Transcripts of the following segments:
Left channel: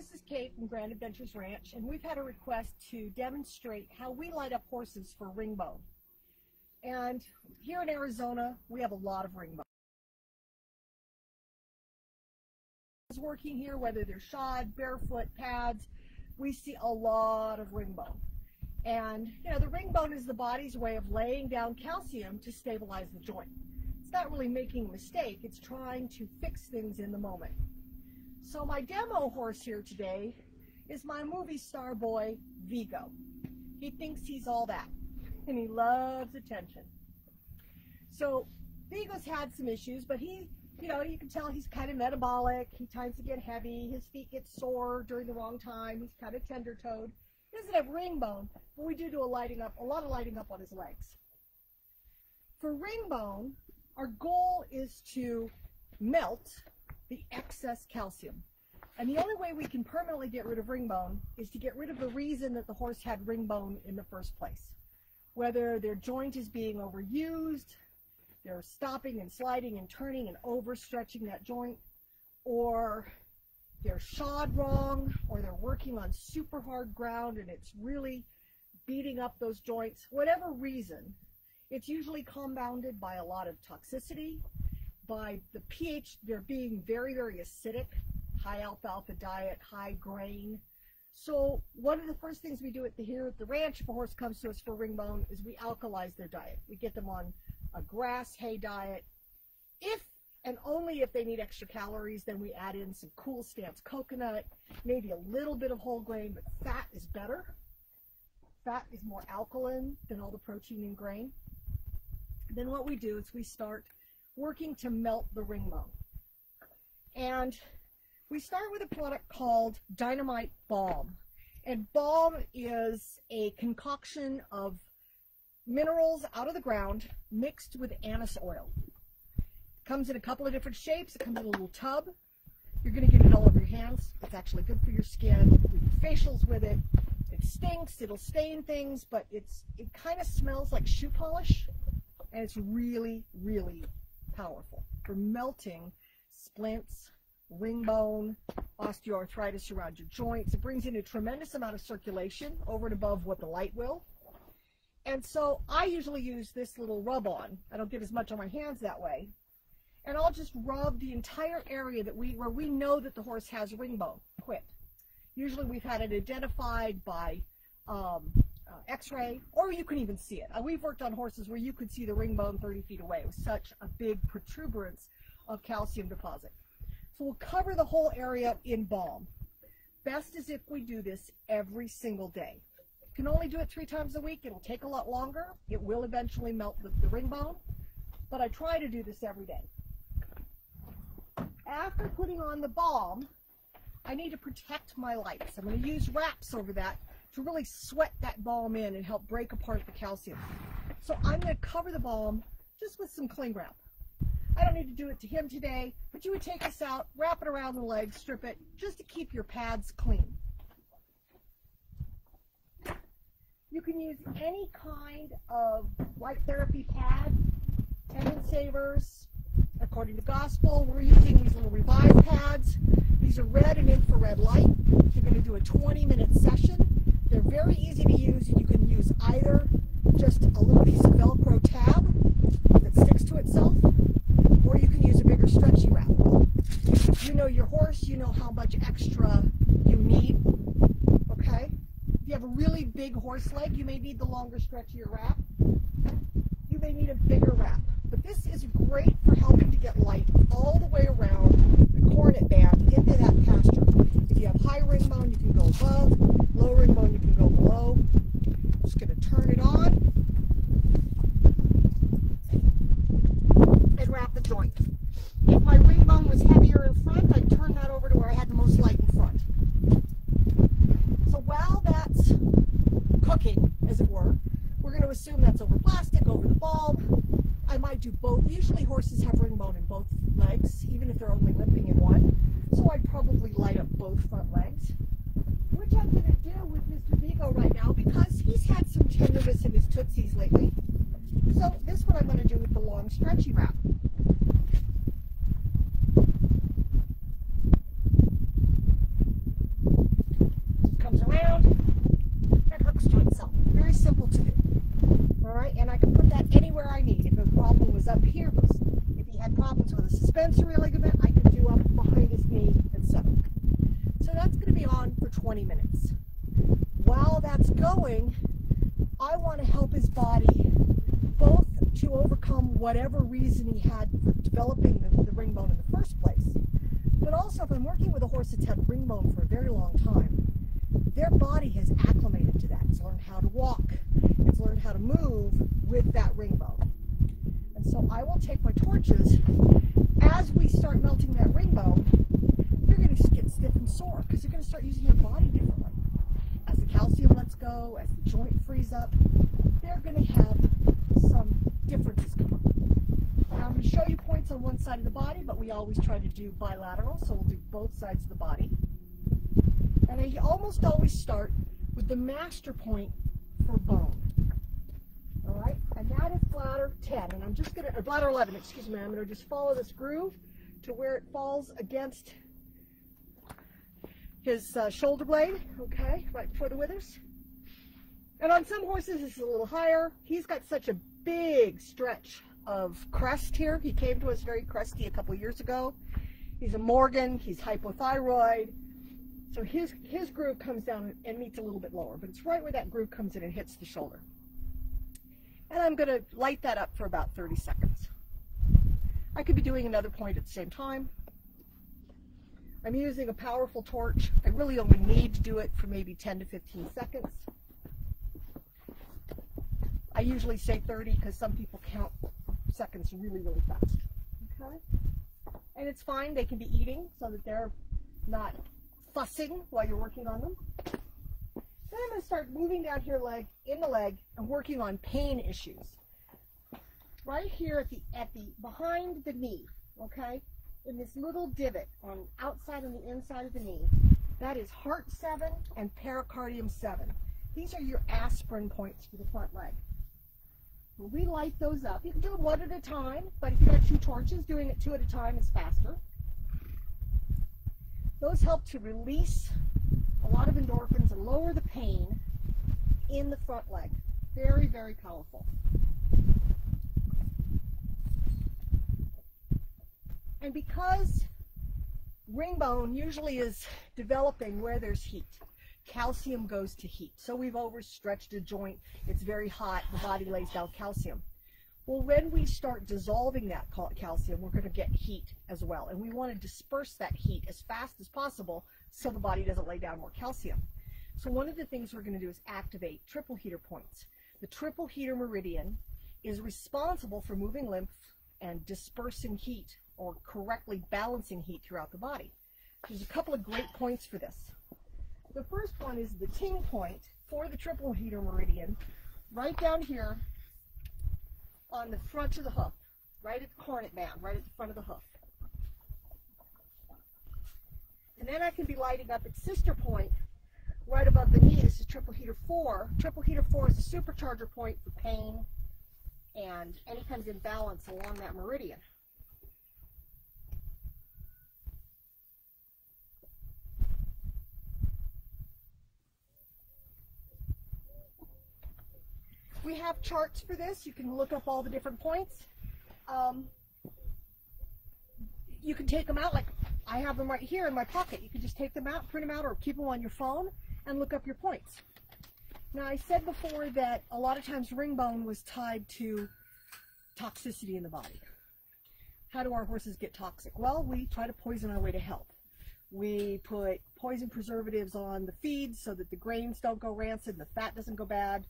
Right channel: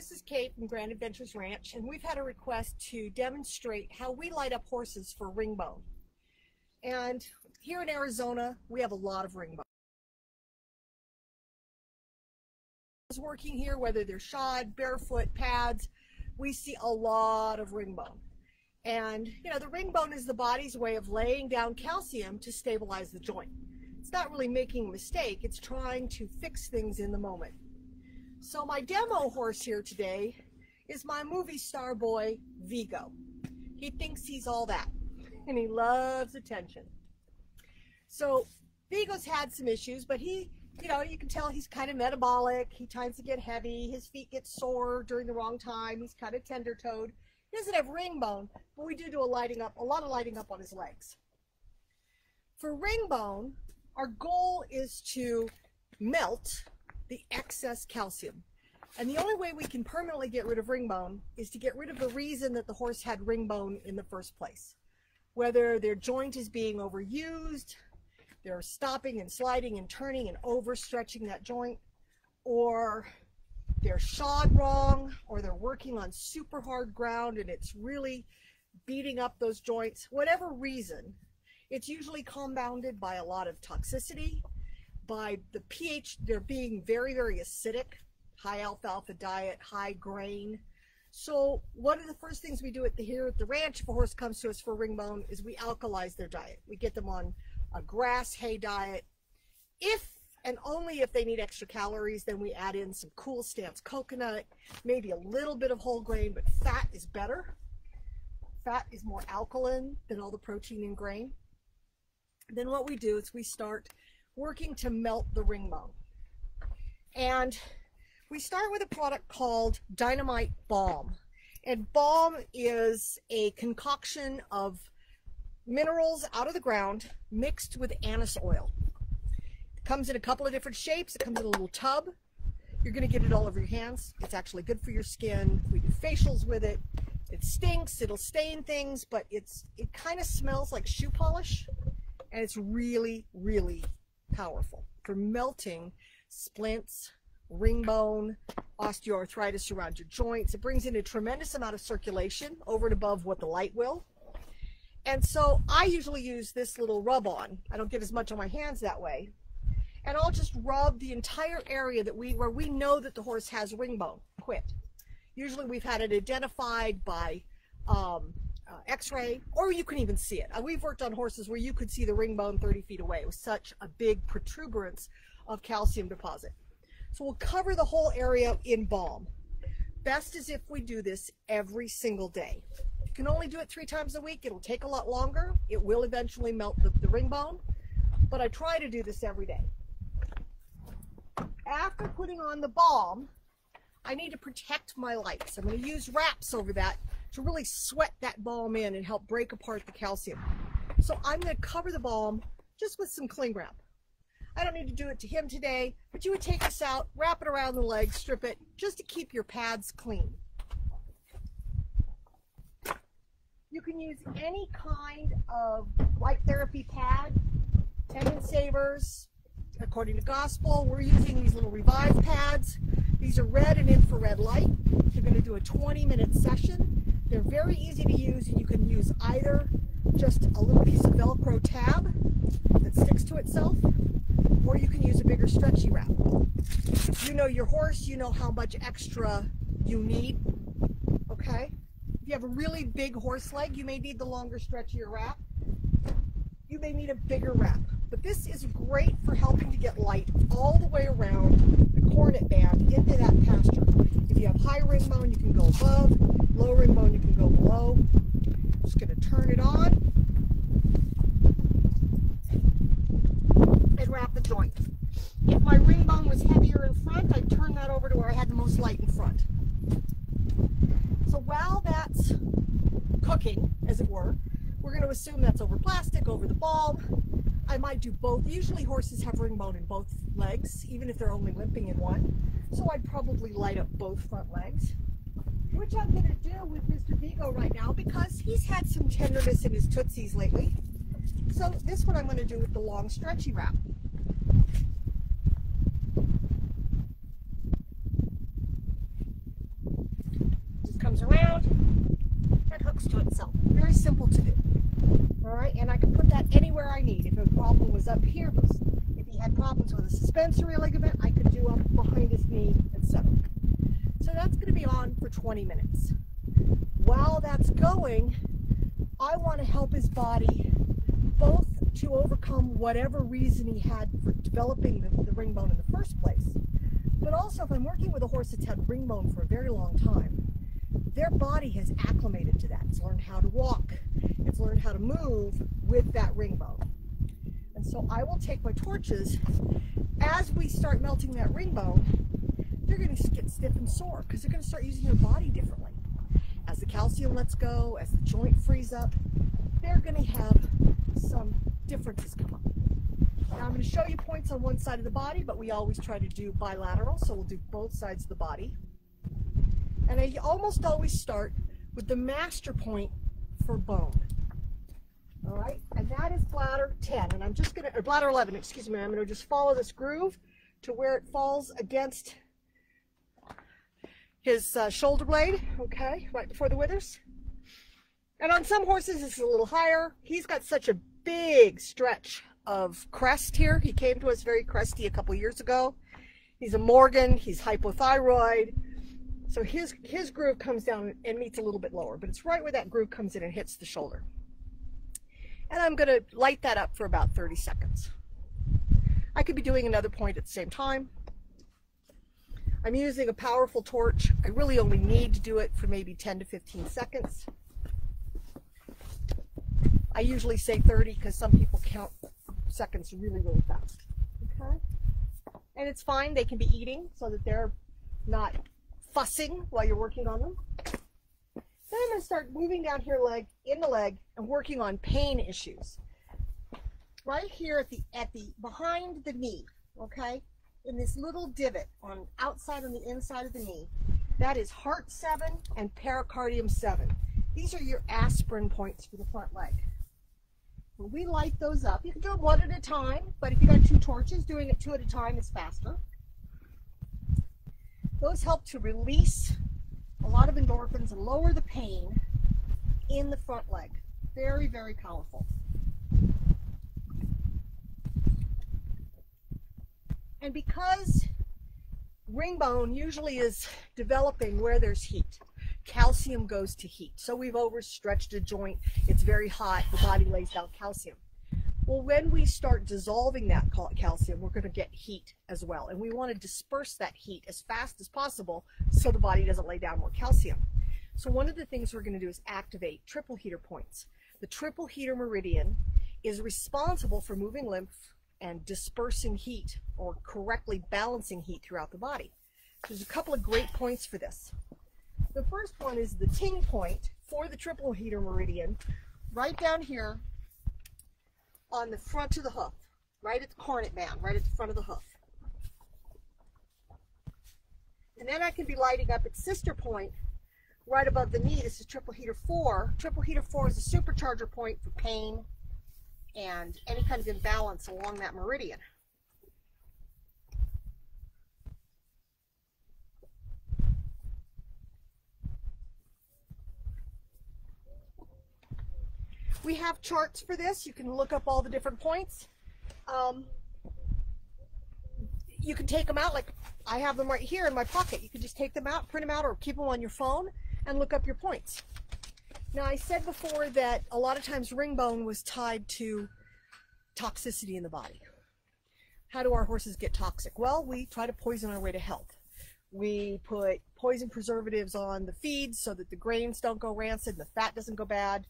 This is Kate from Grand Adventures Ranch, and we've had a request to demonstrate how we light up horses for Ringbone. And here in Arizona, we have a lot of Ringbone. Working here, whether they're shod, barefoot, pads, we see a lot of Ringbone. And you know, the Ringbone is the body's way of laying down calcium to stabilize the joint. It's not really making a mistake, it's trying to fix things in the moment. So my demo horse here today is my movie star boy, Vigo. He thinks he's all that, and he loves attention. So Vigo's had some issues, but he, you know, you can tell he's kind of metabolic. He tends to get heavy. His feet get sore during the wrong time. He's kind of tender-toed. He doesn't have Ringbone, but we do a lot of lighting up on his legs. For Ringbone, our goal is to melt the excess calcium. And the only way we can permanently get rid of Ringbone is to get rid of the reason that the horse had Ringbone in the first place. Whether their joint is being overused, they're stopping and sliding and turning and overstretching that joint, or they're shod wrong, or they're working on super hard ground and it's really beating up those joints. Whatever reason, it's usually compounded by a lot of toxicity, by the pH, they're being very, very acidic, high alfalfa diet, high grain. So one of the first things we do here at the ranch, if a horse comes to us for Ringbone, is we alkalize their diet. We get them on a grass hay diet. If and only if they need extra calories, then we add in some cool stance coconut, maybe a little bit of whole grain, but fat is better. Fat is more alkaline than all the protein in grain. Then what we do is we start working to melt the Ringbone. And we start with a product called Dynamite Balm. And balm is a concoction of minerals out of the ground mixed with anise oil. It comes in a couple of different shapes. It comes in a little tub. You're going to get it all over your hands. It's actually good for your skin. We do facials with it. It stinks, it'll stain things, but it kind of smells like shoe polish, and it's really, really powerful for melting splints, Ringbone, osteoarthritis around your joints. It brings in a tremendous amount of circulation over and above what the light will. And so I usually use this little rub on. I don't get as much on my hands that way. And I'll just rub the entire area where we know that the horse has Ringbone quit. Usually we've had it identified by x-ray, or you can even see it. We've worked on horses where you could see the Ringbone 30 feet away. It was such a big protuberance of calcium deposit. So we'll cover the whole area in balm. Best is if we do this every single day. You can only do it 3 times a week. It'll take a lot longer. It will eventually melt the Ringbone, but I try to do this every day. After putting on the balm, I need to protect my lights. I'm going to use wraps over that to really sweat that balm in and help break apart the calcium. So I'm going to cover the balm just with some cling wrap. I don't need to do it to him today, but you would take this out, wrap it around the leg, strip it, just to keep your pads clean. You can use any kind of light therapy pad, Tendon Savers. According to Gospel, we're using these little Revive pads. These are red and infrared light. You're going to do a 20-minute session. They're very easy to use. You can use either just a little piece of Velcro tab that sticks to itself, or you can use a bigger stretchy wrap. You know your horse, you know how much extra you need, okay? If you have a really big horse leg, you may need the longer, stretchier wrap. You may need a bigger wrap. But this is great for helping to get light all the way around the cornet band into that pasture. If you have high Ringbone, you can go above. Low Ringbone, you can go below. I'm just going to turn it on and wrap the joint. If my Ringbone was heavier in front, I'd turn that over to where I had the most light in front. So while that's cooking, as it were, we're going to assume that's over plastic, over the balm. I might do both. Usually horses have Ringbone in both legs, even if they're only limping in one. So I'd probably light up both front legs, which I'm going to do with Mr. Vigo right now because he's had some tenderness in his tootsies lately. So this one I'm going to do with the long stretchy wrap. comes around and hooks to itself. Very simple to do. All right, and I can put that anywhere I need. If a problem was up here, if he had problems with a suspensory ligament, I could do up behind his knee, etc. So that's going to be on for 20 minutes. While that's going, I want to help his body both to overcome whatever reason he had for developing the ring bone in the first place, but also if I'm working with a horse that's had ring bone for a very long time, their body has acclimated to that. It's learned how to walk. It's learned how to move with that ring bone. And so I will take my torches. As we start melting that ring bone, they're going to get stiff and sore because they're going to start using their body differently. As the calcium lets go, as the joint frees up, they're going to have some differences come up. Now I'm going to show you points on one side of the body, but we always try to do bilateral, so we'll do both sides of the body. And I almost always start with the master point for bone. All right, and that is bladder 10, and I'm just going to, or bladder 11, excuse me, I'm going to just follow this groove to where it falls against his shoulder blade, okay, right before the withers. And on some horses, it's a little higher. He's got such a big stretch of crest here. He came to us very cresty a couple years ago. He's a Morgan, he's hypothyroid. So his groove comes down and meets a little bit lower, but it's right where that groove comes in and hits the shoulder. And I'm going to light that up for about 30 seconds. I could be doing another point at the same time. I'm using a powerful torch. I really only need to do it for maybe 10 to 15 seconds. I usually say 30 because some people count seconds really, really fast. Okay? And it's fine. They can be eating so that they're not fussing while you're working on them. Then I'm going to start moving down here in the leg and working on pain issues. Right here at the behind the knee, okay? In this little divot on outside on the inside of the knee, that is heart 7 and pericardium 7. These are your aspirin points for the front leg. When we light those up, you can do them one at a time, but if you got 2 torches, doing it 2 at a time is faster. Those help to release a lot of endorphins and lower the pain in the front leg. Very, very powerful. And because ring bone usually is developing where there's heat, calcium goes to heat. So we've overstretched a joint, it's very hot, the body lays down calcium. Well, when we start dissolving that calcium, we're going to get heat as well. And we want to disperse that heat as fast as possible so the body doesn't lay down more calcium. So one of the things we're going to do is activate triple heater points. The triple heater meridian is responsible for moving lymph and dispersing heat or correctly balancing heat throughout the body. There's a couple of great points for this. The first one is the ting point for the triple heater meridian, right down here on the front of the hoof, right at the cornet band, right at the front of the hoof. And then I can be lighting up its sister point right above the knee. This is triple heater 4. Triple heater 4 is a supercharger point for pain and any kind of imbalance along that meridian. We have charts for this. You can look up all the different points. You can take them out, like I have them right here in my pocket. You can just take them out, print them out, or keep them on your phone and look up your points. Now, I said before that a lot of times ring bone was tied to toxicity in the body. How do our horses get toxic? Well, we try to poison our way to health. We put poison preservatives on the feeds so that the grains don't go rancid, the fat doesn't go bad.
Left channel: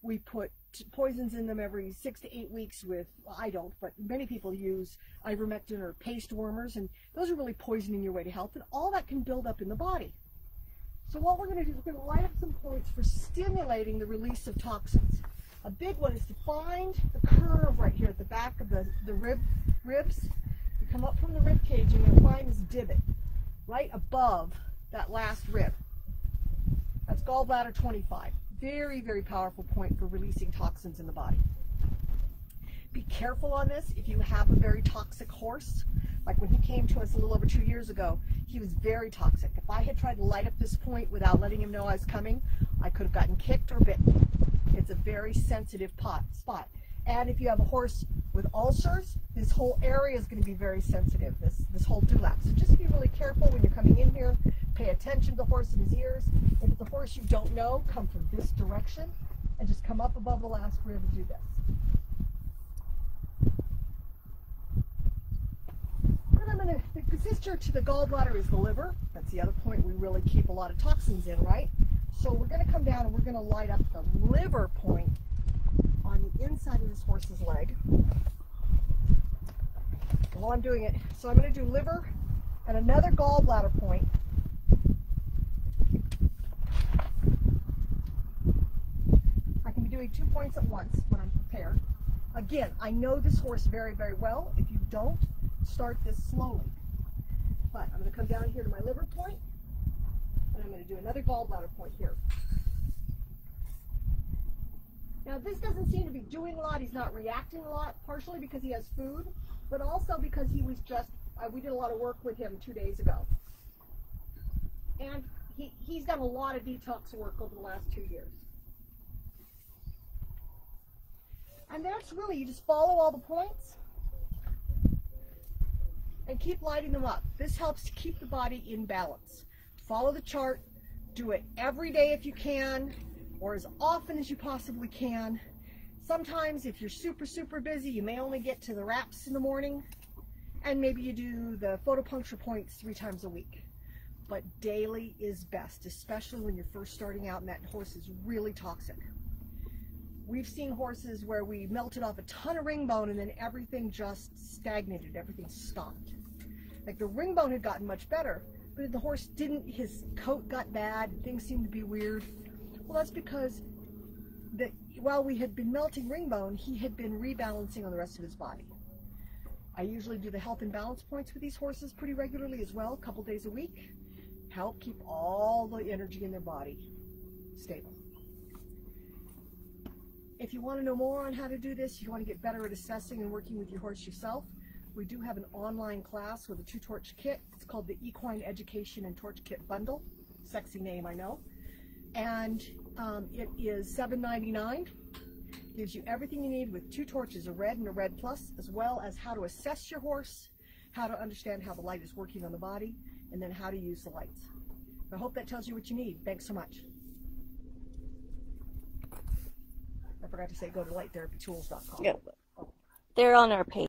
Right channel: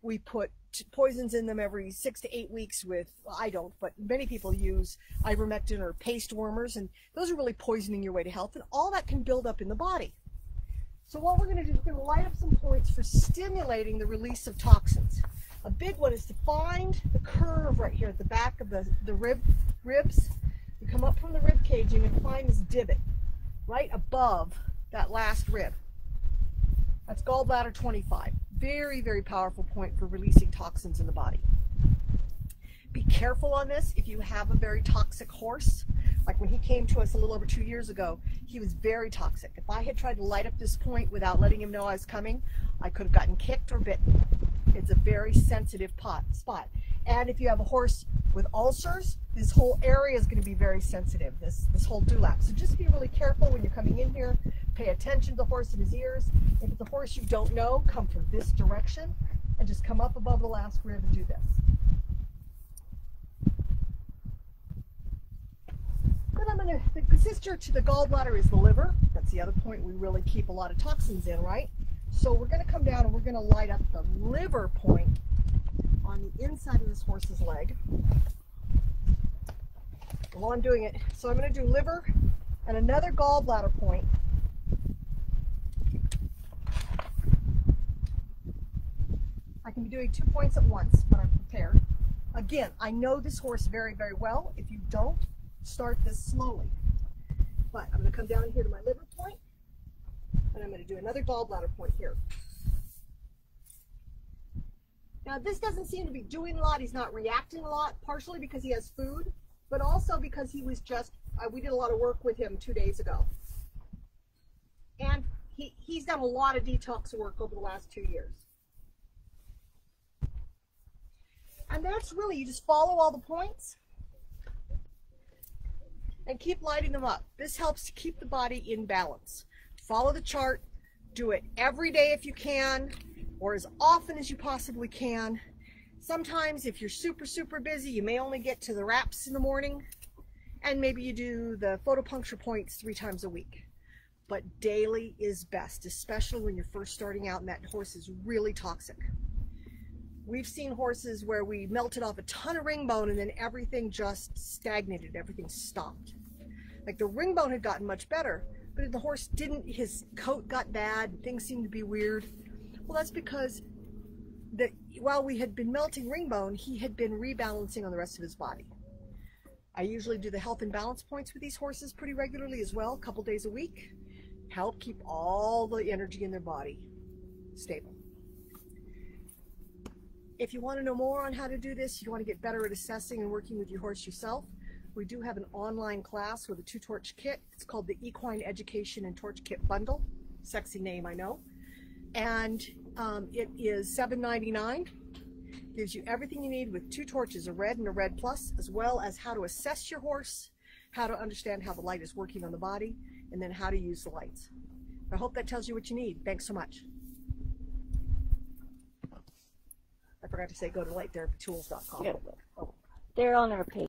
We put poisons in them every 6 to 8 weeks with, well, I don't, but many people use ivermectin or paste warmers, and those are really poisoning your way to health, and all that can build up in the body. So what we're going to do is we're going to light up some points for stimulating the release of toxins. A big one is to find the curve right here at the back of the ribs. You come up from the rib cage, you're going to find this divot right above that last rib. That's gallbladder 25. Very, very powerful point for releasing toxins in the body. Be careful on this if you have a very toxic horse. Like when he came to us a little over 2 years ago, he was very toxic. If I had tried to light up this point without letting him know I was coming, I could have gotten kicked or bitten. It's a very sensitive spot. And if you have a horse with ulcers, this whole area is going to be very sensitive, this whole dewlap. So just be really careful when you're coming in here. Pay attention to the horse and his ears. If it's a horse you don't know, come from this direction and just come up above the last rib and do this. The sister to the gallbladder is the liver. That's the other point we really keep a lot of toxins in, right? So we're going to come down and we're going to light up the liver point on the inside of this horse's leg. And while I'm doing it, so I'm going to do liver and another gallbladder point. I can be doing 2 points at once when I'm prepared. Again, I know this horse very, very well. If you don't, start this slowly. But I'm going to come down here to my liver point, and I'm going to do another gallbladder point here. Now this doesn't seem to be doing a lot. He's not reacting a lot, partially because he has food, but also because he was just, we did a lot of work with him 2 days ago. And he's done a lot of detox work over the last 2 years. And that's really, you just follow all the points and keep lighting them up. This helps to keep the body in balance. Follow the chart, do it every day if you can, or as often as you possibly can. Sometimes if you're super, super busy, you may only get to the wraps in the morning, and maybe you do the photopuncture points 3 times a week. But daily is best, especially when you're first starting out and that horse is really toxic. We've seen horses where we melted off a ton of ringbone and then everything just stagnated, everything stopped. Like the ringbone had gotten much better, but the horse didn't, his coat got bad, things seemed to be weird. Well, that's because while we had been melting ringbone, he had been rebalancing on the rest of his body. I usually do the health and balance points with these horses pretty regularly as well, a couple days a week. Help keep all the energy in their body stable. If you want to know more on how to do this, you want to get better at assessing and working with your horse yourself, we do have an online class with a 2-torch kit. It's called the Equine Education and Torch Kit Bundle. Sexy name, I know. And it is $7.99. Gives you everything you need with 2 torches, a red and a red plus, as well as how to assess your horse, how to understand how the light is working on the body, and then how to use the lights. I hope that tells you what you need. Thanks so much. I forgot to say go to lighttherapytools.com. They're on our page.